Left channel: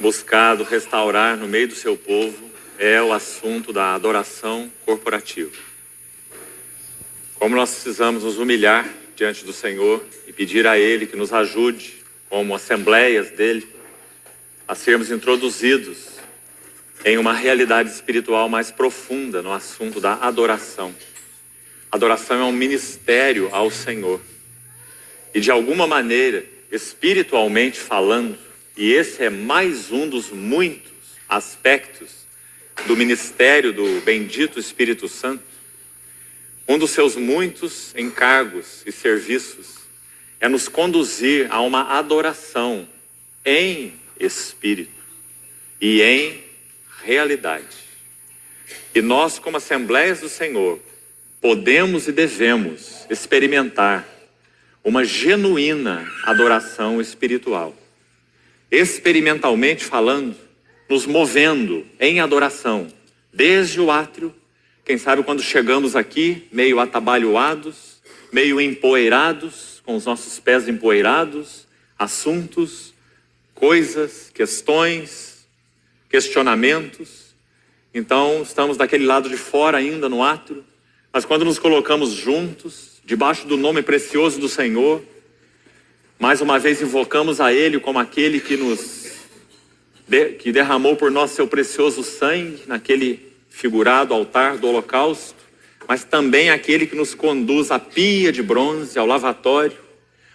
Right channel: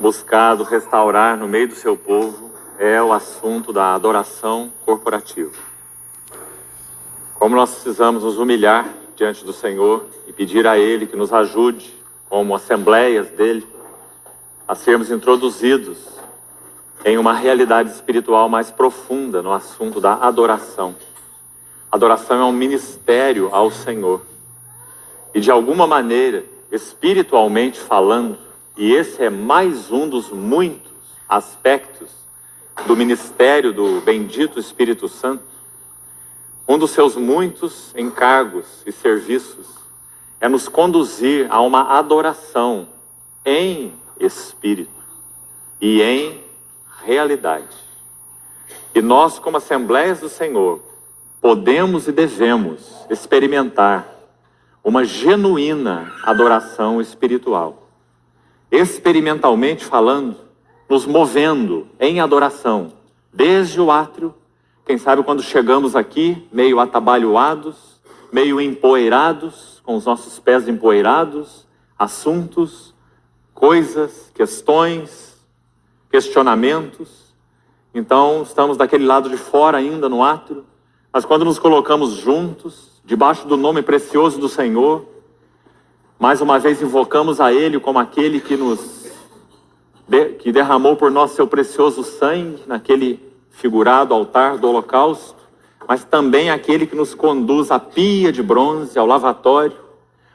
buscado restaurar no meio do seu povo é o assunto da adoração corporativa. Como nós precisamos nos humilhar diante do Senhor e pedir a Ele que nos ajude, como assembleias dele, a sermos introduzidos em uma realidade espiritual mais profunda no assunto da adoração. Adoração é um ministério ao Senhor. E de alguma maneira, espiritualmente falando, e esse é mais um dos muitos aspectos do ministério do bendito Espírito Santo, um dos seus muitos encargos e serviços é nos conduzir a uma adoração em espírito e em realidade. E nós, como Assembleias do Senhor, podemos e devemos experimentar uma genuína adoração espiritual. Experimentalmente falando, nos movendo em adoração, desde o átrio, quem sabe quando chegamos aqui, meio atabalhoados, meio empoeirados, com os nossos pés empoeirados, assuntos, coisas, questões, questionamentos. Então, estamos daquele lado de fora ainda no átrio, mas quando nos colocamos juntos, debaixo do nome precioso do Senhor, mais uma vez invocamos a Ele como aquele que que derramou por nós seu precioso sangue, naquele figurado altar do holocausto, mas também aquele que nos conduz à pia de bronze, ao lavatório,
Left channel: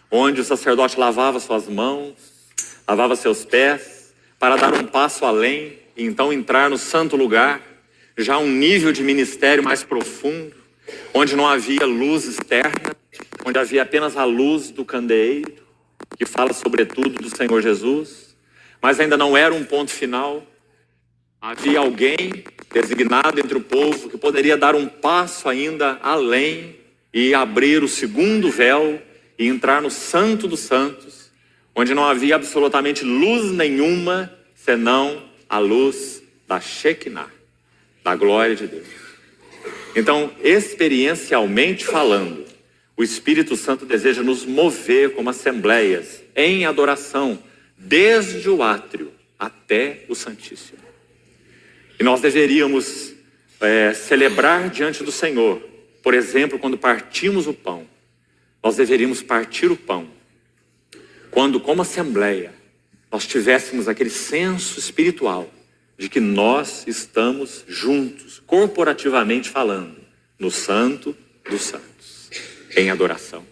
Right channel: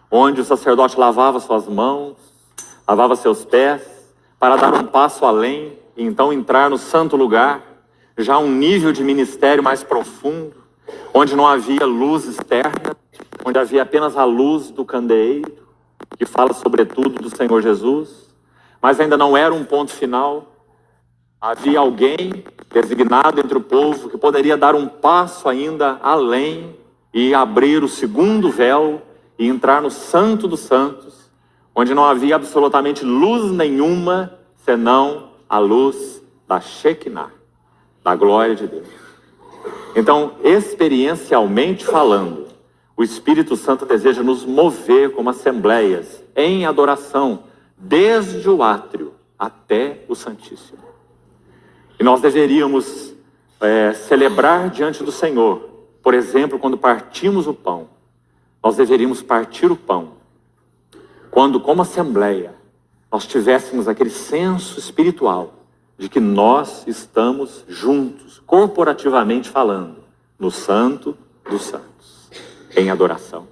onde o sacerdote lavava suas mãos, lavava seus pés, para dar um passo além, e então entrar no santo lugar, já um nível de ministério mais profundo, onde não havia luz externa, onde havia apenas a luz do candeeiro, que fala sobretudo do Senhor Jesus, mas ainda não era um ponto final. Havia alguém designado entre o povo que poderia dar um passo ainda além e abrir o segundo véu e entrar no Santo dos Santos, onde não havia absolutamente luz nenhuma, senão a luz da Shekinah, da glória de Deus. Então, experiencialmente falando, o Espírito Santo deseja nos mover como assembleias em adoração, desde o átrio até o Santíssimo. E nós deveríamos celebrar diante do Senhor, por exemplo, quando partimos o pão. Nós deveríamos partir o pão quando, como assembleia, nós tivéssemos aquele senso espiritual de que nós estamos juntos, corporativamente falando, no Santo dos Santos, em adoração.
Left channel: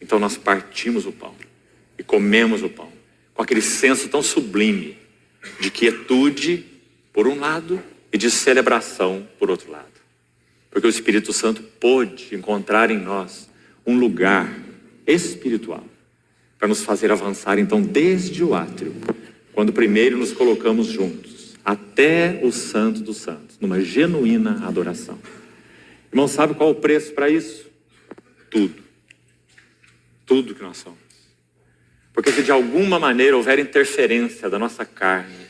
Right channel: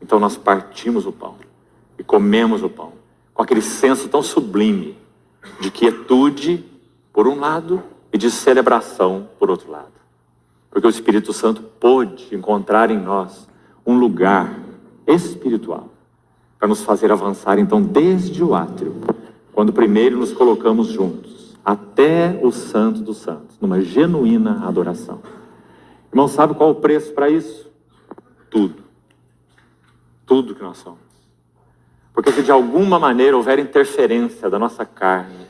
Então nós partimos o pão e comemos o pão com aquele senso tão sublime de quietude por um lado e de celebração por outro lado. Porque o Espírito Santo pôde encontrar em nós um lugar espiritual para nos fazer avançar então desde o átrio, quando primeiro nos colocamos juntos, até o Santo dos Santos, numa genuína adoração. Irmão, sabe qual é o preço para isso? Tudo. Tudo que nós somos. Porque se de alguma maneira houver interferência da nossa carne,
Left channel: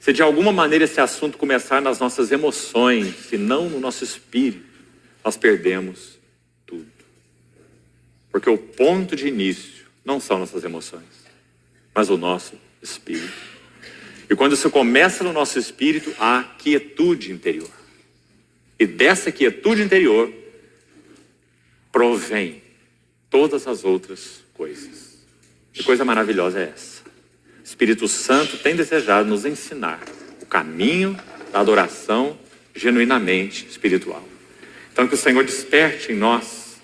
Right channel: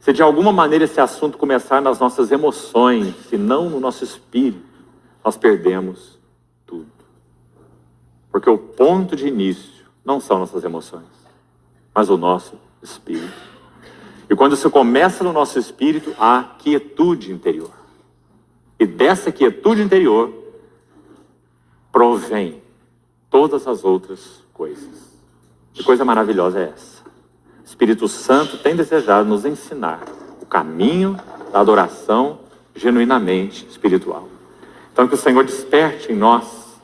se de alguma maneira esse assunto começar nas nossas emoções, se não no nosso espírito, nós perdemos tudo. Porque o ponto de início não são nossas emoções, mas o nosso espírito. E quando isso começa no nosso espírito, há quietude interior. E dessa quietude interior provém todas as outras coisas. Que coisa maravilhosa é essa? O Espírito Santo tem desejado nos ensinar o caminho da adoração genuinamente espiritual. Então que o Senhor desperte em nós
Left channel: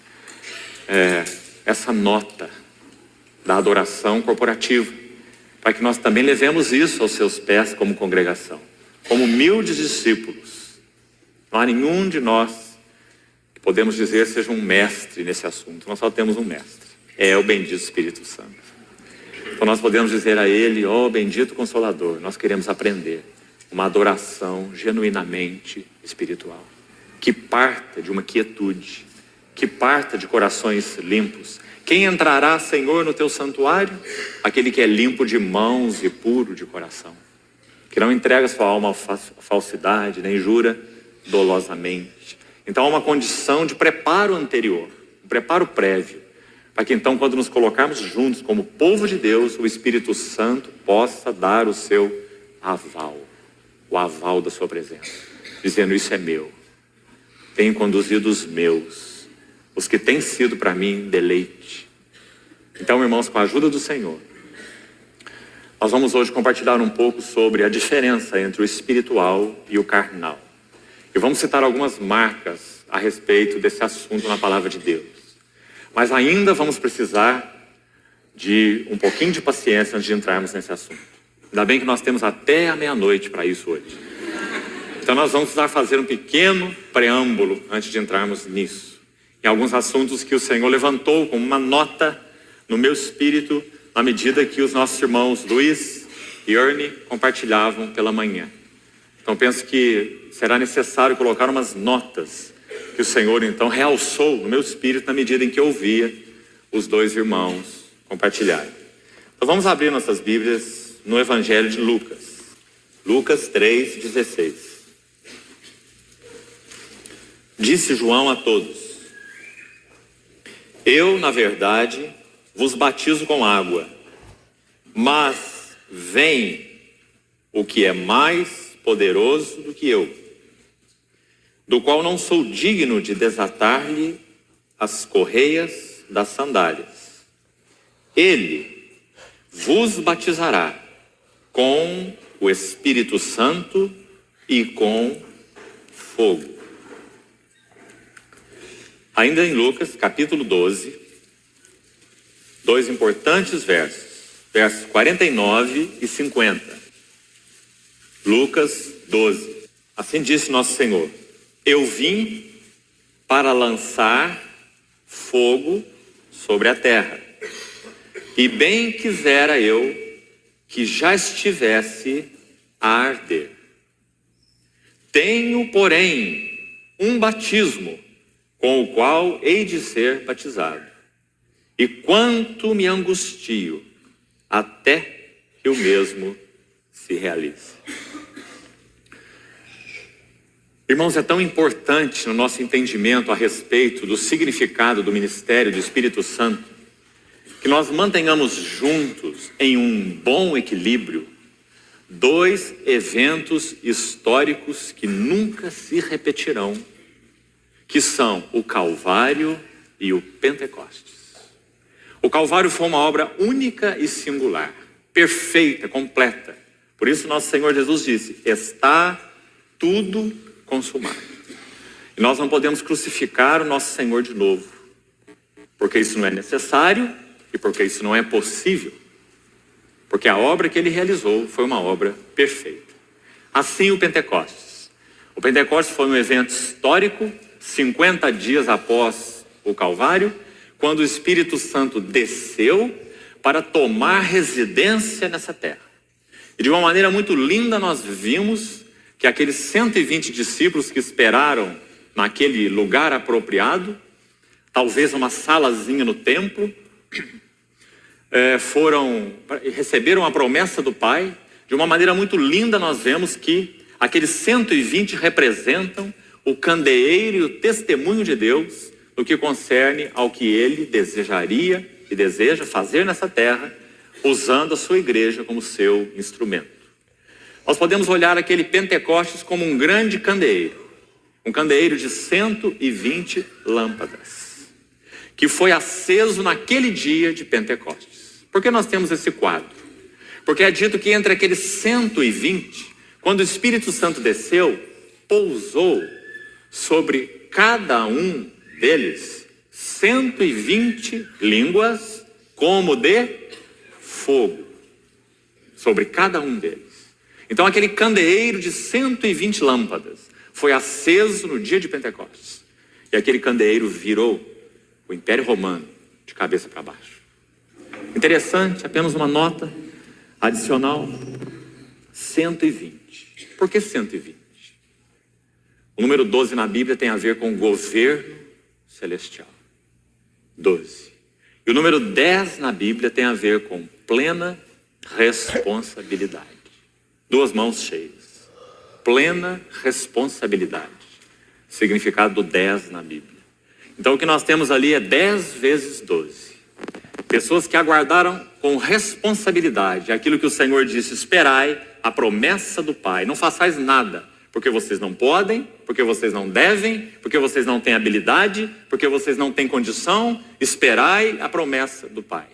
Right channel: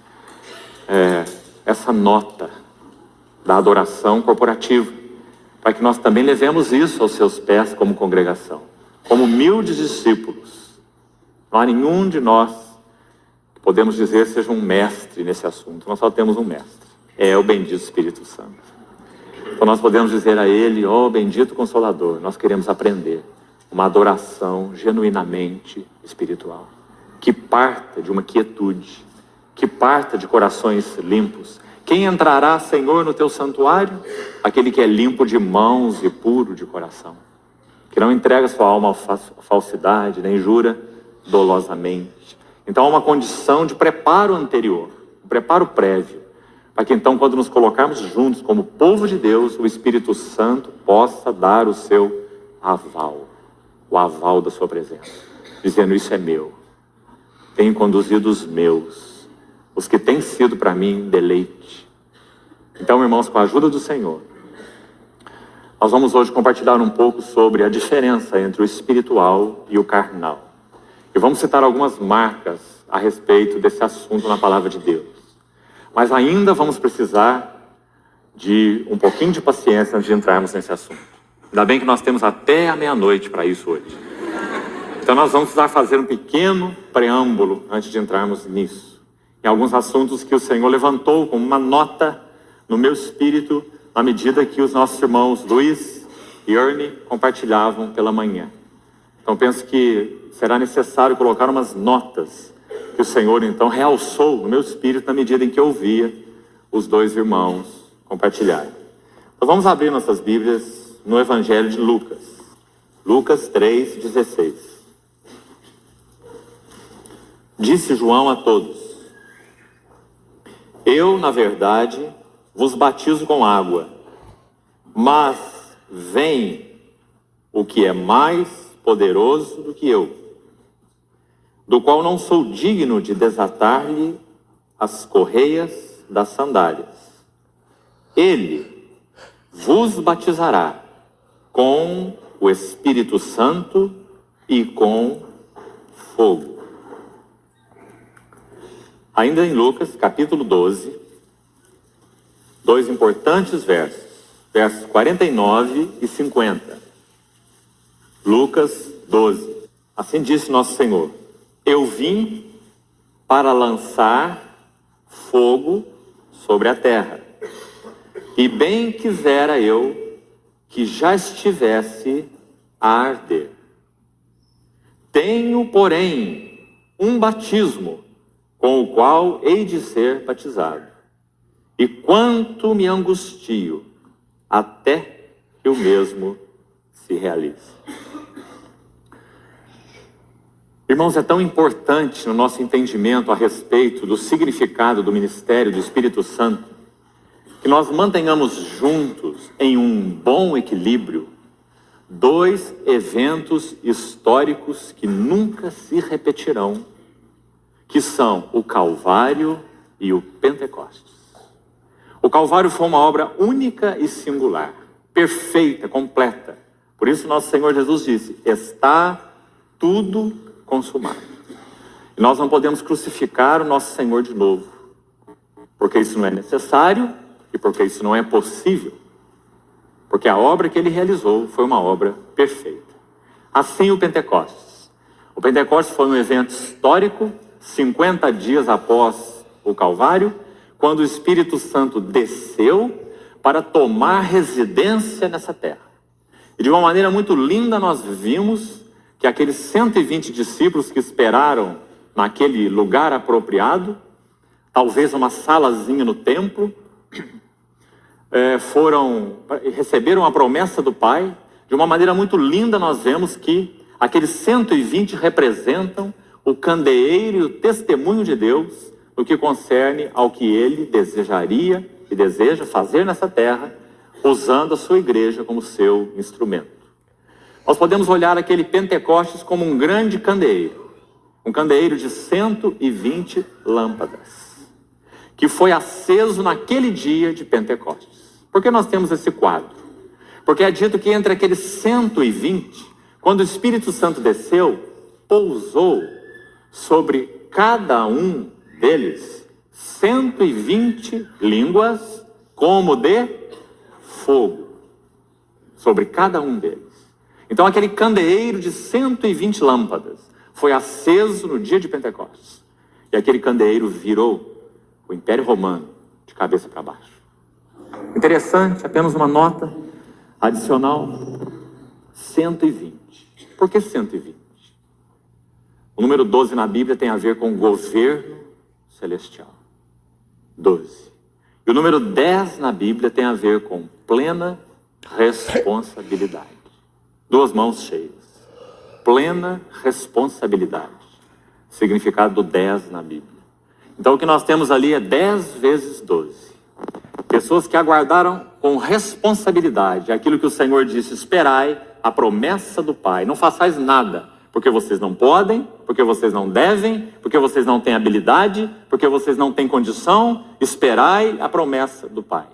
essa nota da adoração corporativa, para que nós também levemos isso aos seus pés como congregação, como humildes discípulos. Não há nenhum de nós que podemos dizer seja um mestre nesse assunto. Nós só temos um mestre, é o bendito Espírito Santo. Então nós podemos dizer a Ele, ó bendito Consolador, nós queremos aprender uma adoração genuinamente espiritual, que parta de uma quietude, que parta de corações limpos. Quem entrará, Senhor, no teu santuário? Aquele que é limpo de mãos e puro de coração, que não entrega sua alma à falsidade, nem jura dolosamente. Então há uma condição de preparo anterior, um preparo prévio, para que então, quando nos colocarmos juntos como povo de Deus, o Espírito Santo possa dar o seu aval, o aval da sua presença, dizendo: isso é meu, tenho conduzido os meus, os que têm sido para mim deleite. Então, irmãos, com a ajuda do Senhor, nós vamos hoje compartilhar um pouco sobre a diferença entre o espiritual e o carnal. E vamos citar algumas marcas a respeito desse assunto na palavra de Deus. Mas ainda vamos precisar de um pouquinho de paciência antes de entrarmos nesse assunto. Ainda bem que nós temos até a meia-noite para isso hoje. Então nós vamos precisar fazer um pequeno preâmbulo antes de entrarmos nisso. Em alguns assuntos que o Senhor levantou como uma nota no meu espírito, na medida que os nossos irmãos Luiz e Ernie compartilhavam pela manhã. Então penso que será necessário colocar umas notas que o Senhor então realçou no meu espírito na medida em que eu ouvia os dois irmãos compartilharem. Então vamos abrir nossas Bíblias no Evangelho de Lucas. Lucas 3:16. Disse João a todos: eu, na verdade, vos batizo com água, mas vem o que é mais poderoso do que eu, do qual não sou digno de desatar-lhe as correias das sandálias. Ele vos batizará com o Espírito Santo e com fogo. Ainda em Lucas, capítulo 12, dois importantes versos 49 e 50. Lucas 12. Assim disse nosso Senhor: eu vim para lançar fogo sobre a terra, e bem quisera eu que já estivesse a arder. Tenho, porém, um batismo com o qual hei de ser batizado, e quanto me angustio até que o mesmo se realize. Irmãos, é tão importante no nosso entendimento a respeito do significado do ministério do Espírito Santo, que nós mantenhamos juntos, em um bom equilíbrio, dois eventos históricos que nunca se repetirão, que são o Calvário e o Pentecostes. O Calvário foi uma obra única e singular, perfeita, completa. Por isso nosso Senhor Jesus disse: está tudo consumado. E nós não podemos crucificar o nosso Senhor de novo, porque isso não é necessário e porque isso não é possível, porque a obra que ele realizou foi uma obra perfeita. Assim o Pentecostes. O Pentecostes foi um evento histórico, 50 dias após o Calvário, quando o Espírito Santo desceu para tomar residência nessa terra. E de uma maneira muito linda nós vimos que aqueles 120 discípulos que esperaram naquele lugar apropriado, talvez uma salazinha no templo, receberam a promessa do Pai. De uma maneira muito linda nós vemos que aqueles 120 representam o candeeiro e o testemunho de Deus no que concerne ao que ele desejaria e deseja fazer nessa terra, usando a sua igreja como seu instrumento. Nós podemos olhar aquele Pentecostes como um grande candeeiro, um candeeiro de 120 lâmpadas, que foi aceso naquele dia de Pentecostes. Por que nós temos esse quadro? Porque é dito que entre aqueles 120, quando o Espírito Santo desceu, pousou sobre cada um deles 120 línguas como de fogo, sobre cada um deles. Então aquele candeeiro de 120 lâmpadas foi aceso no dia de Pentecostes, e aquele candeeiro virou o Império Romano de cabeça para baixo. Interessante, apenas uma nota adicional: 120. Por que 120? O número 12 na Bíblia tem a ver com governo celestial. 12. E o número 10 na Bíblia tem a ver com plena responsabilidade. Duas mãos cheias. Plena responsabilidade. Significado do 10 na Bíblia. Então o que nós temos ali é 10 vezes 12. Pessoas que aguardaram com responsabilidade aquilo que o Senhor disse: esperai a promessa do Pai. Não façais nada, porque vocês não podem, porque vocês não devem, porque vocês não têm habilidade, porque vocês não têm condição. Esperai a promessa do Pai.